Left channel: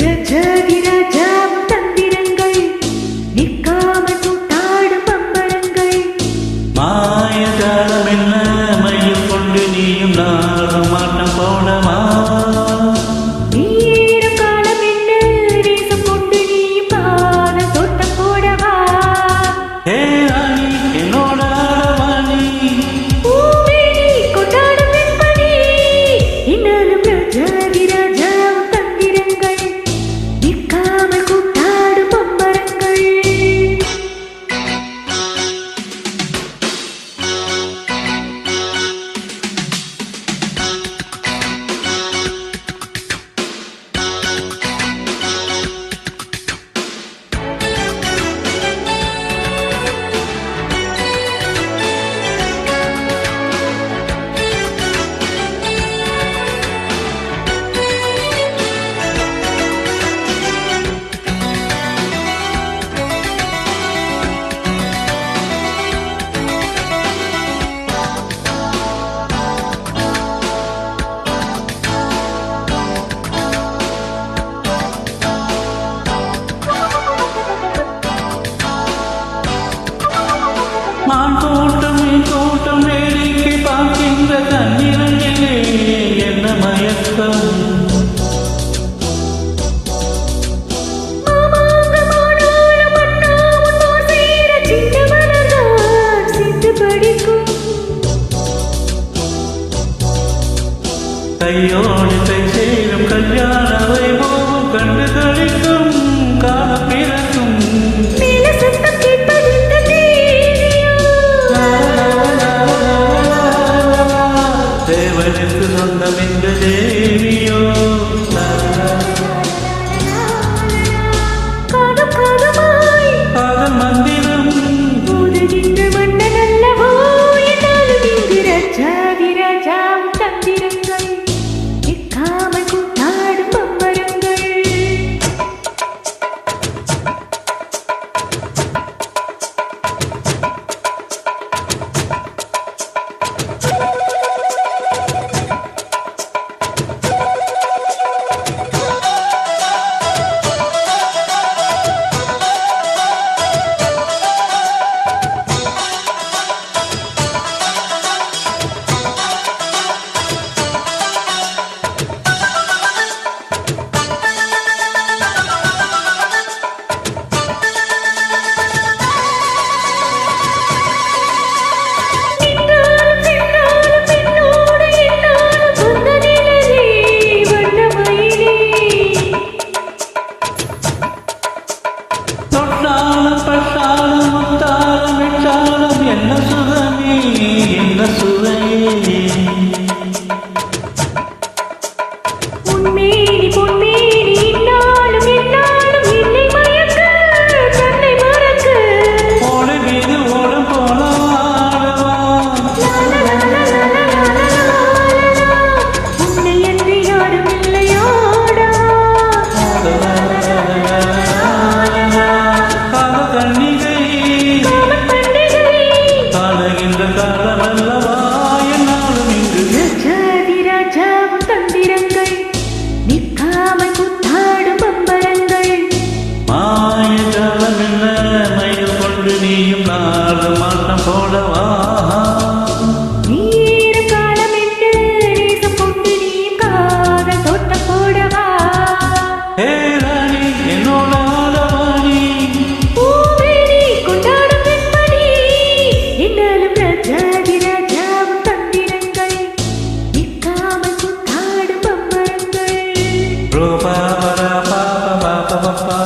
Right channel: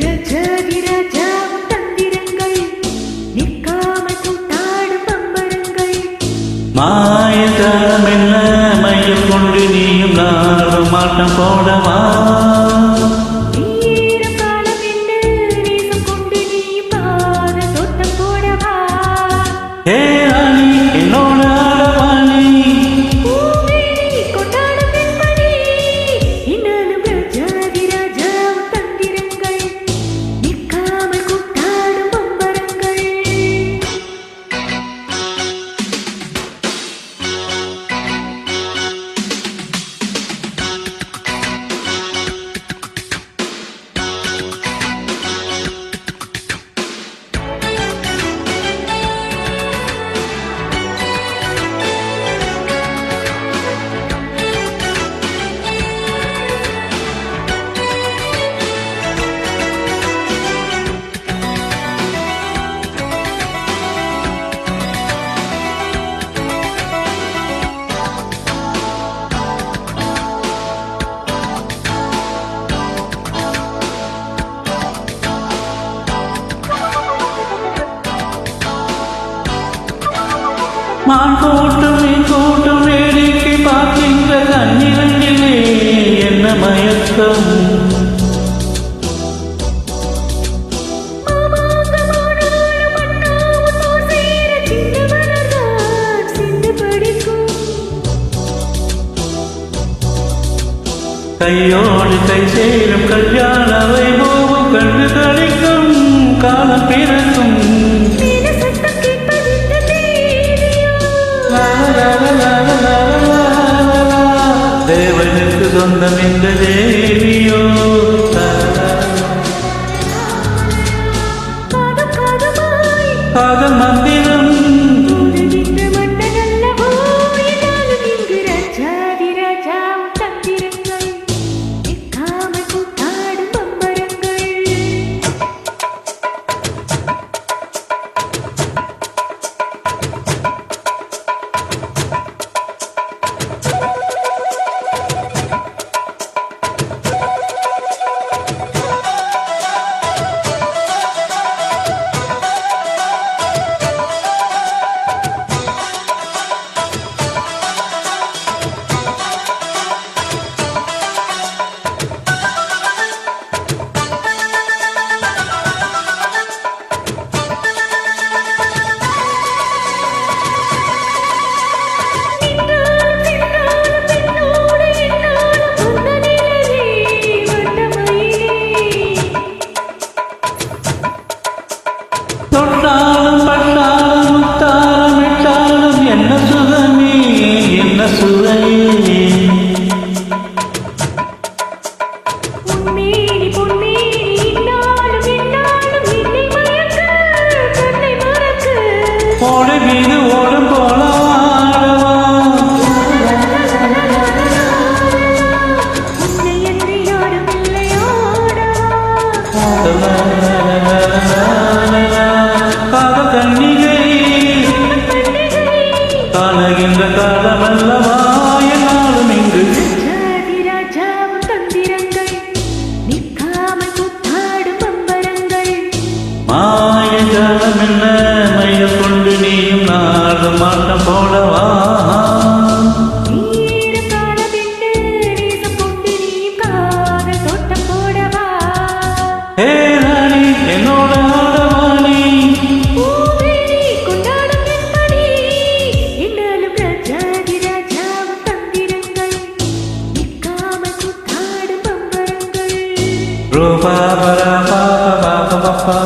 ரஜாதி ராஜாவும் தந்திரங்கள் நிற்காமல் கூத்தாடும் பம்பரங்கள் மாயஜாலம் என்ன மையல் கொண்டு நீயும் நாடும் ஆட்டம் போடவா நீரம் காலம் என்ன நேசம் கொண்டு நீயும் காதல் தோட்டம் போடவா ஏ ராணி என்னோட ஆடவாணி பூமேனி கொண்டாடும் வெண்மணி இன்னாலும் ரஜாதி ராஜாவும் தந்திரங்கள் நிற்காமல் கூத்தாடும் பம்பரங்கள் மான் கூட்டம் மீன் கூட்டம் வேடிக்கை பார்க்கின்ற கண்ணிரண்டிலே என்ன மயக்கம் கையோடு கை சேரும் கல்யாண வைபோகம் கண்டு கழிக்கும் காலம் பிறக்கும் தேவனுக்கு சொந்தம் இந்த தேவியோ காதல் மந்திரம் மன்னன் அல்லவோ என்னாலும் இங்கு ரஜாதி ராஜாவும் தந்திரங்கள் நிற்காமல் கூத்தாடும் பம்பரங்கள் தொட்டாலும் பட்டாலும் முத்தாலும் இட்டாலும் என்ன சுகமே என்ன சுவையே உன்மேனி பொன்மேனி இன்னாலும் என்னாலும் என்னை மயக்க தன்னை மறக்க ஓடு மீது ஓடும் போல ஆடவா உன்னை என்று யாரும் இல்லையோடவா காதல் கண்ணிகை பண்டிகை காணுகின்ற காலமல்லவா என்னாலும் இங்கு ரஜாதி ராஜாவும் தந்திரங்கள் நிற்காமல் கூத்தாடும் பம்பரங்கள் மாயஜாலம் என்ன மையல் கொண்டு நீயும் நாடும் ஆட்டம் போடவா நீரம் காலம் என்று நேசம் கொண்டு நீயும் காதல் தோட்டம் போடவா ஏ ராணி என்னோட ஆடவாணி பூமேனி கொண்டாடும் வெண்மணி என்னாலும் ரஜாதி ராஜாவும் தந்திரங்கள் நிற்காமல் கூத்தாடும் பம்பரங்கள் ரூபா பரா பாபா பாபா